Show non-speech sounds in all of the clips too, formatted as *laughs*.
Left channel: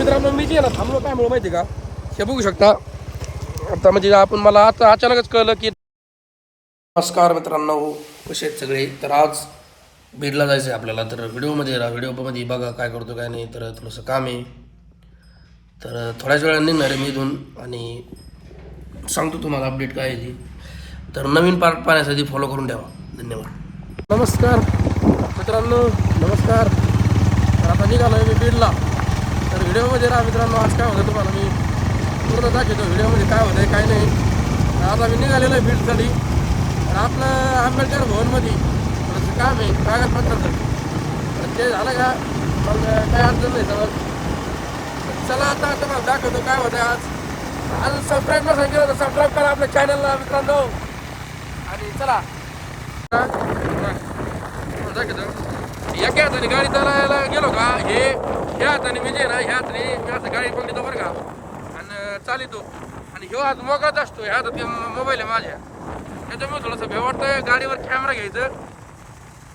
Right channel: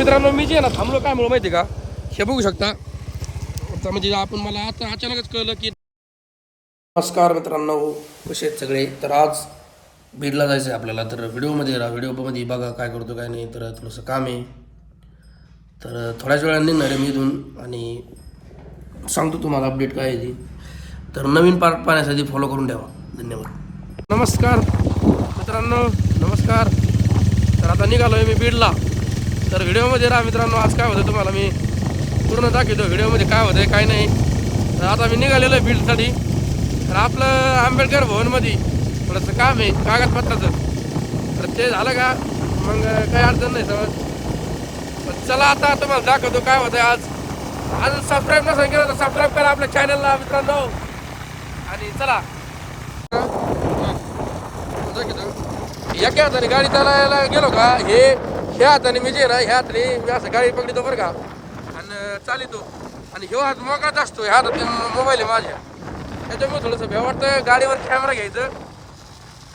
मित्रांनो मी जे ना थांबलो काय म्हणून माहिती आहे का? हे बघू शकता. आता म्हणजे आपण मला आता अचानकच कळलं की नमस्कार मित्रांनो कसे आहेत सगळे. तर आज बीडला जायचं आहे आपल्याला. तर व्हिडिओमध्ये राहा. व्हिडिओमध्ये बघा काय करतो काय नाही. तर थोडंसं काम आहे. तर थोड्याच वेळाने निघणार आहे मी इथून आणि सांगतो तुम्हाला अपडेट काय आहे तर नवीन पार्ट पाहण्यासाठी फॉलो करून ठेवा. धन्यवाद. नमस्कार. मित्रांनो नमस्कार. तर आता निघालो आहे मी बीडला. तर व्हिडिओमध्ये राहा मित्रांनो आज काय होतं तुम्हाला मी पूर्ण दाखवतो व्हिडिओमध्ये काय होतं काय नाही. तर आता मी निघालेलो आहे फील्डसाठी तर आपलं आंबेडकर भवनमध्ये थोडंसं काम आहे कागदपत्राचं. तर ते झालं का? मग काही अडचण नाही समज चला आता तुम्हाला दाखवतो काय होतं आज. आज सबस्क्राईब नसेल केलं तर सबस्क्राईब करा आपल्या चॅनलला मित्रांनो. आणि चला. एका हाताने गाडी चालायला गेलो का? हे ह्या हाताने मी जे ना ह्या हाताने मी असं गाडी पकडतो बरं का. आणि चालितो. आणि ह्यो हात मोगाच असतो ह्या हातात मोबाईल आहे माझ्या. त्याच्यामुळे थोडंसं भ्या वाटतं गाडीवर कॅमेरा घ्यायचं.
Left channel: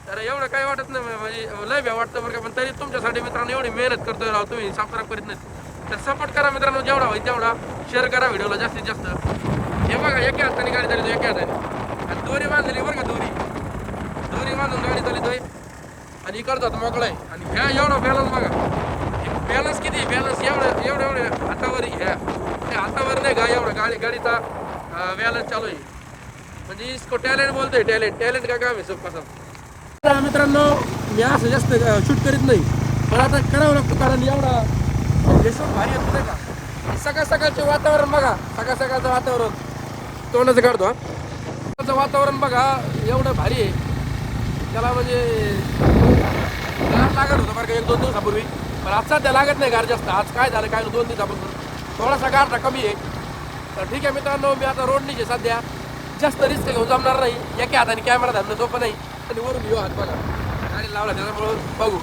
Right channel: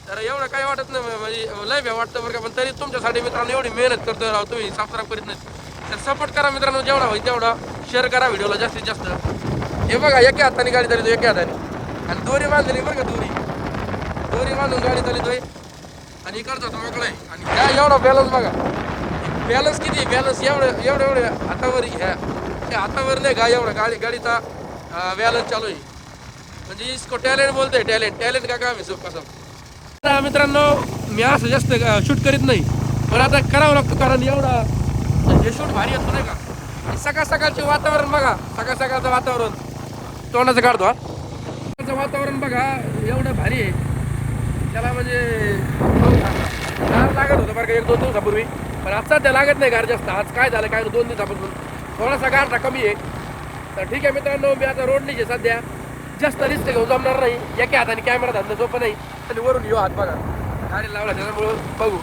तर एवढं काही वाटत नाही म्हणजे लय भ्या वाटतं बरं का पण तरी तुमच्यासाठी मित्रांनो एवढी मेहनत करतो राव तुम्ही सबस्क्राईब करीत नाही तर सपोर्ट करा मित्रांनो जेवढा होईल तेवढा. शेअर करा व्हिडिओला जास्तीत जास्त. हे बघा एका हाताने गाडी झाली एका हाताने. आणि दोरी बांधलेली बरं का दोरी. दोरी बांधून गाडी चालितोय आणि इकडचा मोकळा आहे. आणि काय एवढा बॅलन्स बघा. बॅलन्स किती बॅलन्स एवढं एवढं एवढं हातावर ह्या हातावर नाही का एवढा गाडी गाडीचा बॅलन्स चालू आहे. म्हणजे इसको टॅलेंट बोलतोय टॅलेंट टॅलेंट का काम आहे सोपं मित्रांनो मी असं जास्त शूट करीत नाही. पण आता करावं लागतो कारण एवढा हे शूट भारी येतो नाही का? सकाळ सकाळचे वातावरण बघा. सकाळ सकाळचं वातावरण. तोंडाचं काढतो हा. वातावरण बघा. एवढं भारी आहे. त्याला म्हणजे लागत होतं बरं का एक दोन दिवसापूर्वी. पण आजचा त्या लागत नाही गार जास्त. आज काय झालं काय दोन दिवसापासून थोडासा गारचा कमी आहे. तर ठीक आहे मित्रांनो मी आता रोड निघे सध्या. जास्त रिस्क घेऊन जमणार नाही. एका हाताने कॅमेरा धरणं झोप नाही. आणि वरून येऊ हात बघा. गाडी लावला त्याच्यामुळं बघू.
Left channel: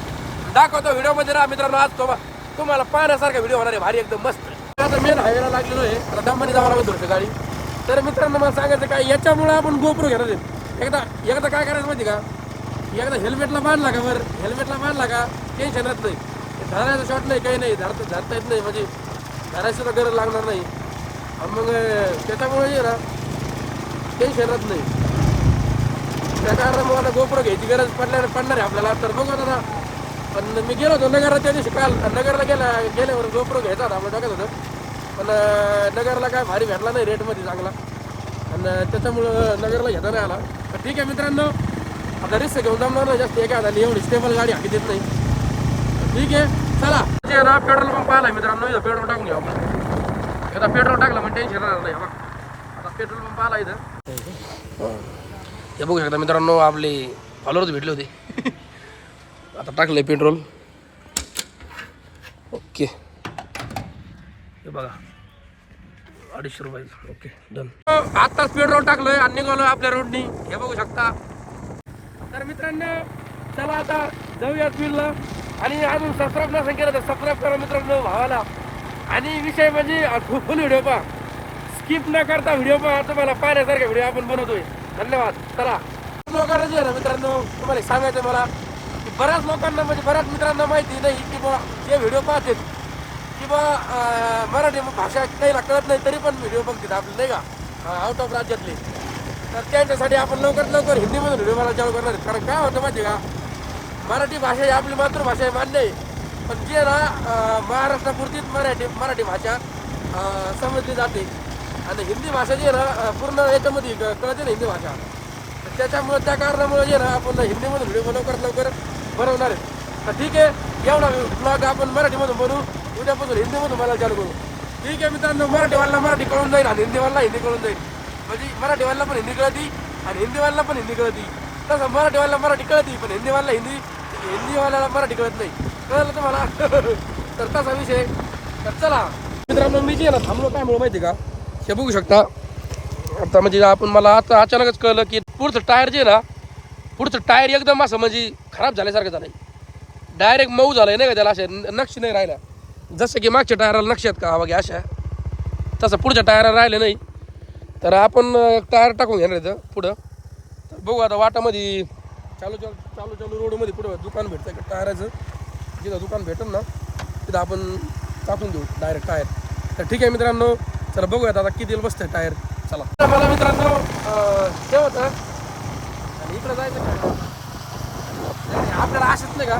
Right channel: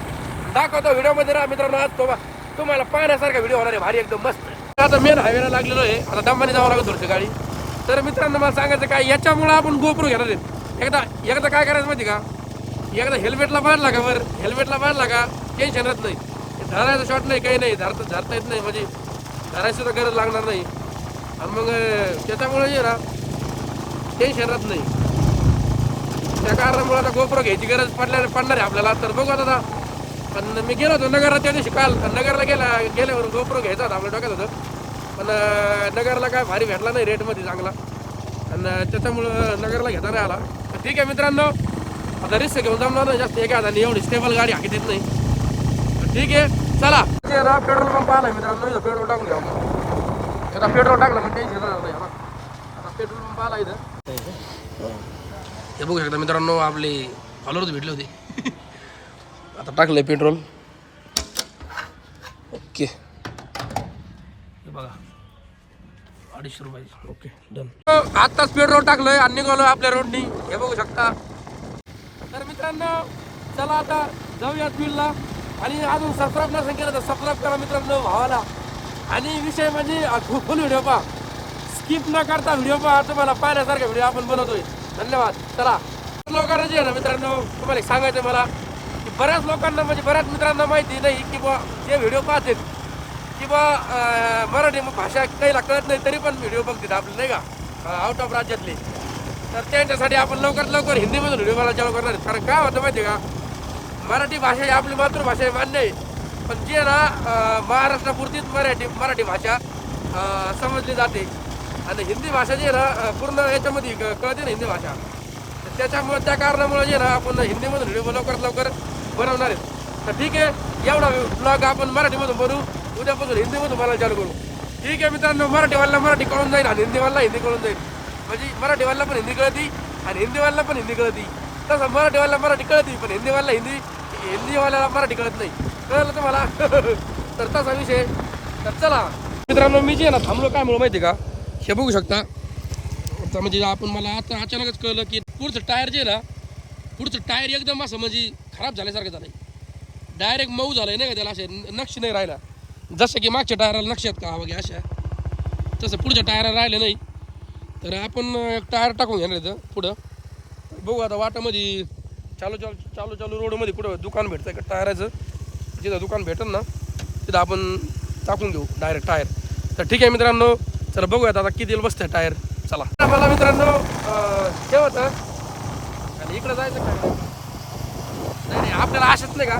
दाखवतो व्हिडिओमध्ये राहा मित्रांनो आज तो तुम्हाला पाहण्यासारखा व्हिडिओ होणार आहे. भारी एकदम मस्त. आता मेन हवेला लागलेलो आहे. आता दमाने जावं लागत थोडंसं गाडी. तर मित्रांनो मला सांगायचं काय याच्यामुळं आपण गोप्रो घेणार एकदा एकदा काय करायचं माहिती का? एकदा हेल्मेटला बांधला का वर? हेल्मेटला बांधला का? टेन्शन राहत नाही. धरायचं शॉट नाही काही नाही. धरता धरता येत नाही म्हणजे धरायची सुद्धा गरज लागणार नाही. आणि मग त्याच्यामुळे जे ना टेन्शन राहत नाही. त्या कारणामुळे आता गोपुरं घ्यायची गरज पडल्या पडणार आहे आपल्याला. तर बघू आता. पण मी गेलो होतो नगरला त्या दिवशी काल. नगरला गेला गेल्यावर गोपुरं घ्यायचा होता आपल्या डोक्यात होतं. पण नगरला काय भारी भेटला नाही रेटमध्ये चांगला. आणि त्याच्यामुळं नगरला घेता नाही आला. तर ठीक आहे मित्रांनो. आता रिस्क घेऊन जमणार नाही जास्त. एका हाताने एवढी स्टेबल गाडी हाकी देत नाही. तर ठीक आहे. चला. ते ना पेट्रोल पंप आला मित्रांनो इथं पेट्रोल टाकून घ्या. आपण एकदा पेट्रोल टाकलं म्हणजे टेन्शन राहणार नाही. आता पेट्रोल पंप आला इथं. हे बघू शकता मित्रांनो आपले फॉलोअर्स भेटले होते. *laughs* आता टाकलंय पेट्रोल. ओके. हे बघा. अडीचशे रुपये. Okay done. आत्ताच पेट्रोल टाकलंय आणि निघालो आपल्या रोडनी हे बघू शकता. तर मित्रांनो चला आता जाऊयात बिलला आणि अजून सबस्क्राईब नसेल केलं तर सबस्क्राईब करा मित्रांनो भावाला. आणि विषय म्हणजे फुल व्हिडिओ पहा. स्किप न करता व्हिडिओ पहा. तुम्हाला पाहण्यासारखा व्हिडिओ आपण बनवतोय. धन्यवाद. चला. लोकांना जे ना मित्रांनो तुम्हाला सांगायचं मला की बऱ्याच लोकांना म्हणजे बऱ्याच मित्रांना माहिती नाही की बा जे व्हिडिओ पाहतात किंवा मराठी भाषा काहीला कळत नाही तरी पण व्हिडिओ बघतात आपले नाही का? आउट ऑफ राज्यातले. तर त्यांच्यासाठी आपण लवकरात लवकर हिंदीमधून व्हिडिओ मला चालू करणार कारण काय होतं माहिती आहे का? मराठी भाषा ही आपली मातृभाषा आहे मान्य आहे. पण जे ना महाराष्ट्रापुरतीच मराठी मराठी भाषा समजली जाते. आणि हिंदी भाषा जी ना पूर्ण याच्यामध्ये क- कळते ना हिंदी भाषा. तर त्याच्यामुळे त्या कारणामुळे जे ना आपण हिंदीमधून व्हिडिओ लवकरात लवकर बनवणार आहे तर ठीक आहे एवढा ब्लॉग आपण मराठीमधून बनवू. उद्यापासून हिंदीमधून मला चालू करू. ठीक आहे मित्रांनो मराठीवाला मराठी कळून जाईल आणि हिंदीवाला हिंदी कळून जाईल. म्हणजे मराठीवाला पण हिंदी कळती आणि हिंदीवाला पण हिंदी कळती. तसं मराठीवाला मराठी कळती पण हिंदीवाला हिंदी हिंदीवाल्याला मराठी कळत नाही. कळलं तुम्हाला? *laughs* तर तसा विषय तर चला. मित्रांनो मी जे ना थांबलो काय म्हणून माहिती आहे का? हे बघू शकता. आता म्हणजे आपण मला आता अचानकच कळलं की पुढचं टायर जे ना पुढचं टायर एकदम असं म्हणजे खराब झाल्यासारखं झालंय. डायरेक्ट मऊ झालंय नाही का त्याला अशा नक्ष नाही राहिला जसं की मागच्या टायराला नक्ष आहेत का? वगैरे अशा. तसं पुढच्या टायराला राहिलं नाही. तर आपण टायर टाकून घेणार इथं पुढं. बघू आता वाटामध्ये चालू चालू चालू चालू रोडमध्ये कुठं दुकान भेटतं का टायराचं. जिथं दुकान भेटेल ना तिथं आपण टाकून देऊ डायरेक्ट टायर. तर ठीक आहे मित्रांनो चला बघूयात आता किती बसतंय टायर. चला. मला मित्रांनो अं, हे होतं आणि इकडं जायचं काय? नाही नाही आपल्याला आशाच नाही का?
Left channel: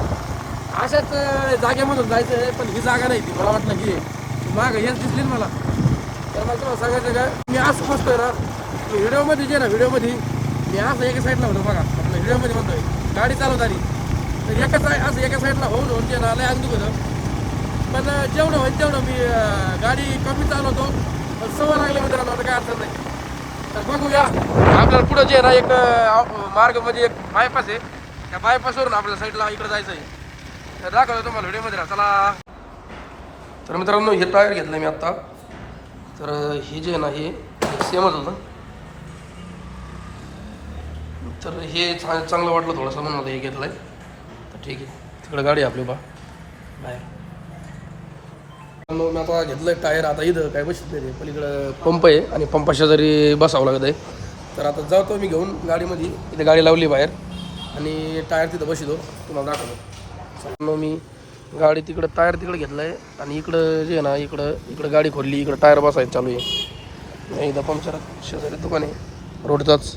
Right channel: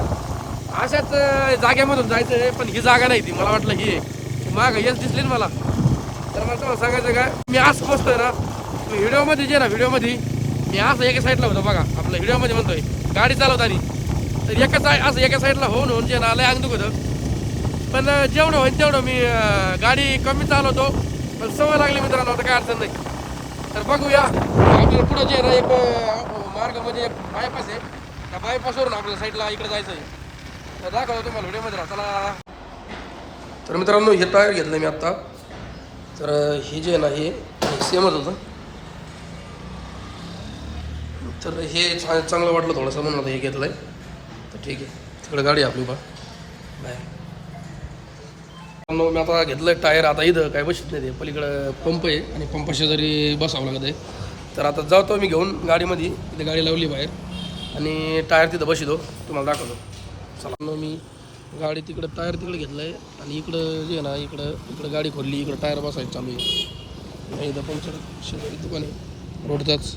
अशाच जाग्यामधून जागेमधून जायचं आहे पण ही जागा नाही ती. मला वाटलं ही माग मागं हेच दिसली ना मला. तर मला तुम्हाला सांगायचं का मी आज बसतोय ना व्हिडिओमध्ये जे ना व्हिडिओमध्ये मी असं एका साईडला होतो बघा. आपल्या व्हिडिओमध्ये म्हणतोय गाडी चालवताना तर एका साईड असं एका साईडला होऊन होऊन जे ना अंग दुखत होतं. पण जेवढं होईल तेवढं मी गाडी कमी चालवतो. पण सवय लागली मित्रांनो आता काय अडचण नाही. तर बघूया. आपल्याला पुढं जे ना एक मार्ग म्हणजे एक बायपास आहे. त्या बायपासवरून आपल्या साईडला इकडे जायचं आहे तर दाखवतो तुम्हाला व्हिडिओमध्ये राहा चला. तर मित्रांनो हे टायर घेतलं मी आत्ता. तर हे जे ना हे सेमच होतं. तर हे चा चांगलं वाटलं थोडंसं म्हणून आता हे घेतलं आहे तर ठीक आहे. तिकडं गाडी आहे आपली बा. बाहेर. मग मी आता घेतलं टायर आता इथं. काय बसत नाही ते? पलीकडं पंप आहे आणि पंपाच्या जरी बसावं लागत आहे. तर आता जातो मी घेऊन गाडीमध्ये. इथे गाडी लावली बाहेर. आणि टायर तिथं बसितो तुम्हाला दाखवतो. चला मग मी गाडी तिकडं टायर तिकडं घेतलं आहे आणि इकडं जे आहे ना इकडं इकडं गाडी खोलली. इकडं टायर बसायचं चालू आहे. एकदा पंक्चर शेजारी दुकान आहे. रोडचाच.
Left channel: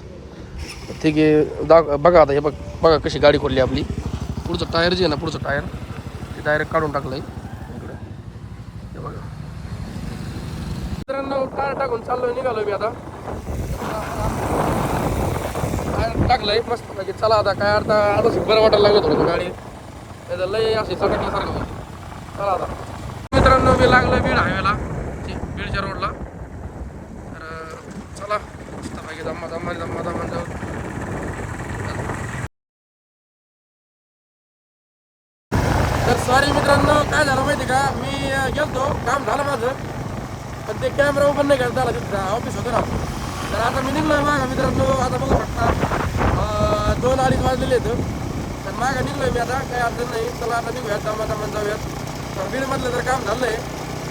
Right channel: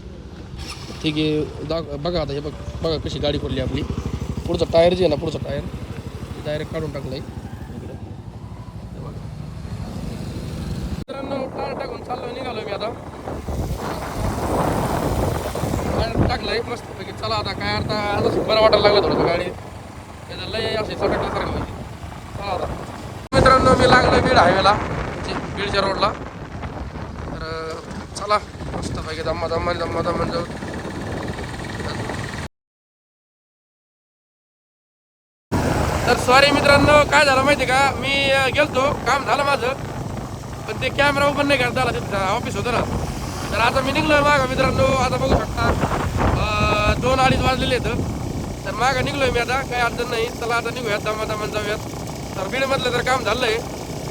ठीक आहे दा बघा आता हे बघ बघा कशी गाडी खोलली आपली. पुढचं टायर जे आहे ना पुढचं टायर ते डायरेक्ट काढून टाकलं आहे इकडं बघा. मित्रांनो टायर टाकून चाललोय निघालो मी आता. टायर टाकलंय मस्त चला आता काय आता आता बरं वाटायला लागलं थोडं गाडी. त्याचं लय अशी चकटल्यासारखं होईल. चला आता. मित्रांनो मी लागलो बीड हायवेला बीडच्या रोडला तर चला मस्त पाहिजे दम्मा दम्मा दम्मा दम्मा जाऊन. तर सॉरी मित्रांनो काय झालं माहिती का? मी गेलतो काम झालं माझं पण ते कॅमेरा ओपन नाही करता आला तिथं ऑफिस होतं ना. तर आता मी निघलोय मागा मित्रांनो आता बघू शकता दोन अडीच वाजलेले आहेत. तर मागा आहे मी आता काही अडचण नाही. चला आता निघूयात दमा दमान जाऊयात. तर बीडमधलं तर काम झालं आहे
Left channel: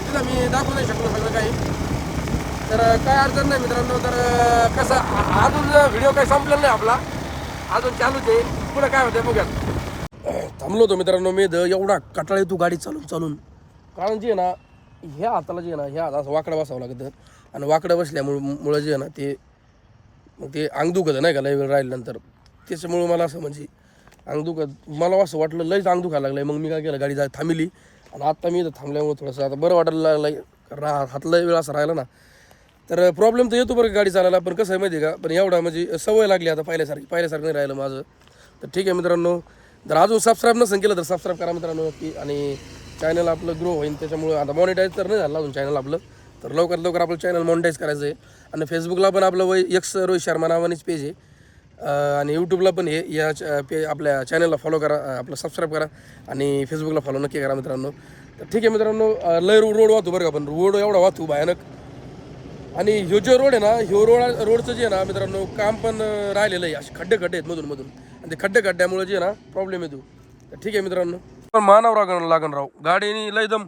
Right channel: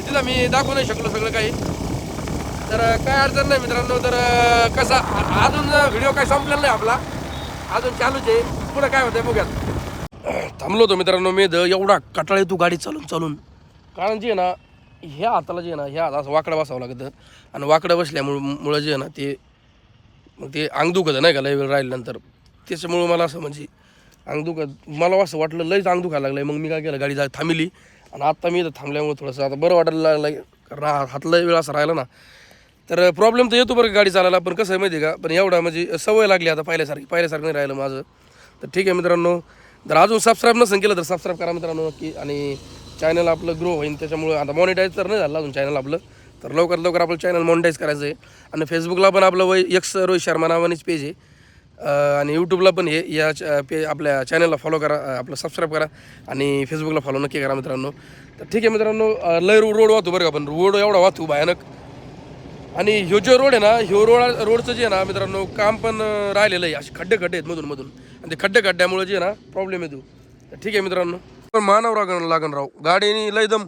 तिला मी दाखवू नाही शकलो सगळं काही. तर काय अडचण नाही मित्रांनो तर कसा? अजून व्हिडिओ काही संपलेला नाही आपला. अजून चालूच आहे. पुढं काय होतं बघूयात. थांबलो होतो मित्रांनो मी. द एवढा कटाळ तू गाडी चालून चालून. कारण जे आहे ना ह्या हाताला जे आहे ना ह्या हात असं वाकडं बसावं लागतं. आणि वाकडं बसल्यामुळं मुळं जे आहे ना ते मग ते अंग दुखत नाही का लय वेळ राहिल्यानंतर त्याच्यामुळं मला असं म्हणजे अंग दुखत मला असं वाटलं लयच अंग दुखायला लागलं मग मी काय केलं गाडी जा थांबली. आणि आत्ता मी इथं थांबल्यामुळे थोडंसं आता बरं वाटायला लागलं कारण हात लय वेळ असं राहिला ना. तर प्रॉब्लेम तर येतो बरं का गाडी चालायला. पण कसं आहे माहिती आहे का? पण एवढा म्हणजे सवय लागली आता पहिल्यासारखी पहिल्यासारखं नाही राहिलं माझं. तर ठीक आहे मित्रांनो. जर अजून सबस्क्राईब नसेल केलं तर सबस्क्राईब करा मित्रांनो की आणि चॅनल आपलं ग्रो होईल त्याच्यामुळं आता मॉनिटाईज तर नाही झालं अजून चॅनल आपलं. तर लवकरात लवकर आपलं चॅनल मॉनिटाईज करायचं आहे आणि फेसबुकला पण आपलं वय यक्स रोहित शर्मा नावानेच पेज आहे. आणि यूट्यूबला पण हे या पे आपल्या चॅनलला फॉलो करा आपलं सबस्क्राईब करा. आणि फेसबुकला फॉलो नक्की करा मित्रांनो. तर ठीक आहे मित्रांनो लय रोड वाहतो बरं का पण रोड एवढा वाहतो भयानक. आणि ह्यो जो रोड आहे ना ह्यो रोड रोडचं जे आहे ना मित्रांनो काम पण राहिलेलं आहे. असे खड्डे खड्डे आहेत मधून मधून. आणि ते खड्डे खड्ड्यामुळे जे आहे ना प्रॉब्लेम येतो. तर ठीक आहे मित्रांनो. पण मानावं लागण लागण राव. गाडीने लय दम.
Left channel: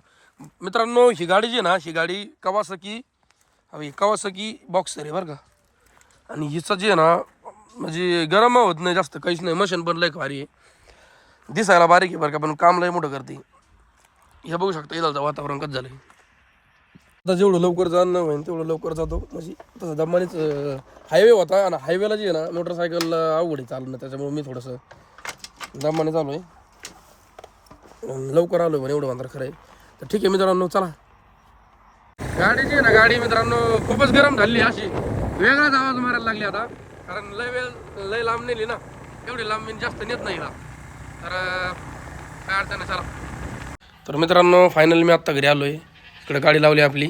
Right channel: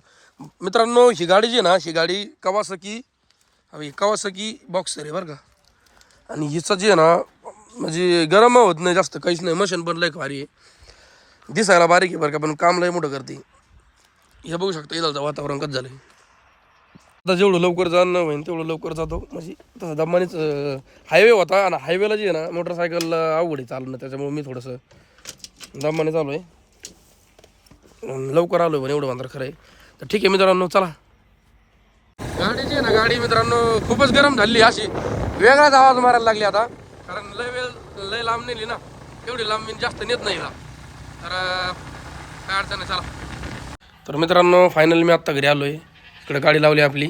मित्रांनो ही गाडी जी आहे ना ही गाडी कवासकी हवी कवासकी बॉक्सर आहे बरं का. आणि हिचं जे आहे ना म्हणजे गरम होत नाही जास्त काहीच नाही. मशीन पण लय भारी आहे. दिसायला बारीक आहे बरं का पण काम लय मोठं करते. हे बघू शकता इथं वातावरण कसं झालं आता जेवढं लवकर जाणं होईल तेवढं लवकर जातो. म्हणजे तसं दमानीच हायवे होता आणि हायवेला जे आहे ना मोटरसायकल अवघड आहे चालणं त्याच्यामुळे मी थोडंसं दमाने चालू आहे लवकर आलो पण एवढं मात्र खरं आहे तर ठीक आहे मित्रांनो चला. गाडी जी आहे ना गाडी मित्रांनो खूपच गरम झाली अशी. वेगळाच आवाज मारायला लागली आता. कारण लय वेळ लय लांब नेली ना. एवढी लांब मी जास्त नेत नाही ना तर काय अडचण आहे चला. तर मित्रांनो फायनली मी आत्ता घरी आलो आहे इकडे गाडी लावली आपली.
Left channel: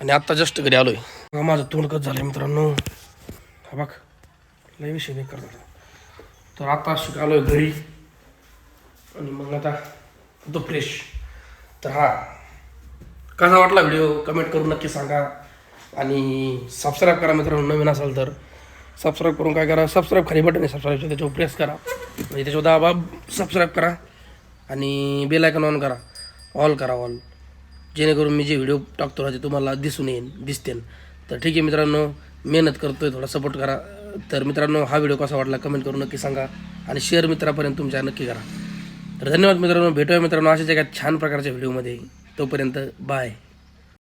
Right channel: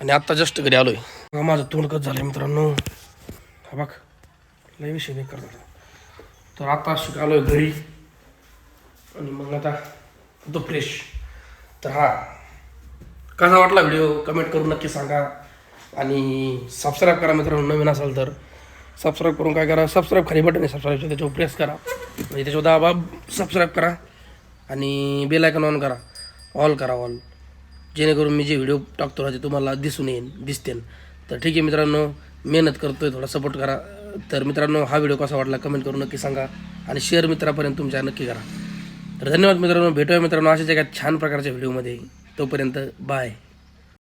आणि आत्ता जस्ट घरी आलोय. आहे माझं तोंड कच झालंय मित्रांनो. हा बघ लय विषय नाही करतात तर आता शिकालोय घरी. आणि मग आता तो फ्रेश तर हा कसा वाटला व्हिडिओ कमेंट करून नक्की सांगा. आणि सबस्क्राईब करा मित्रांनो नवीन असाल तर. सबस्क्राईब करून काय करा? सबस्क्राईब खाली बटन आहे सबस्क्राईबचं त्याच्यावर प्रेस करा. म्हणजे त्याच्यावर दाबा सबस्क्राईब करा. आणि बेल आयकन ऑन करा. ऑल करा ऑल जेणेकरून मी जे व्हिडिओ टाकतो ना ते तुम्हाला दिसून येईन दिसतेन. तर ठीक आहे मित्रांनो मेहनत करतोय थोडा सपोर्ट करा. तर मित्रांनो हा व्हिडिओ कसा वाटला कमेंट करून नक्की सांगा आणि शेअर मित्रापर्यंत तुमच्या नक्की करा. तर धन्यवाद मित्रांनो भेटूया मित्रांनो अशाच एका छान प्रकारच्या व्हिडिओमध्ये तोपर्यंत बाय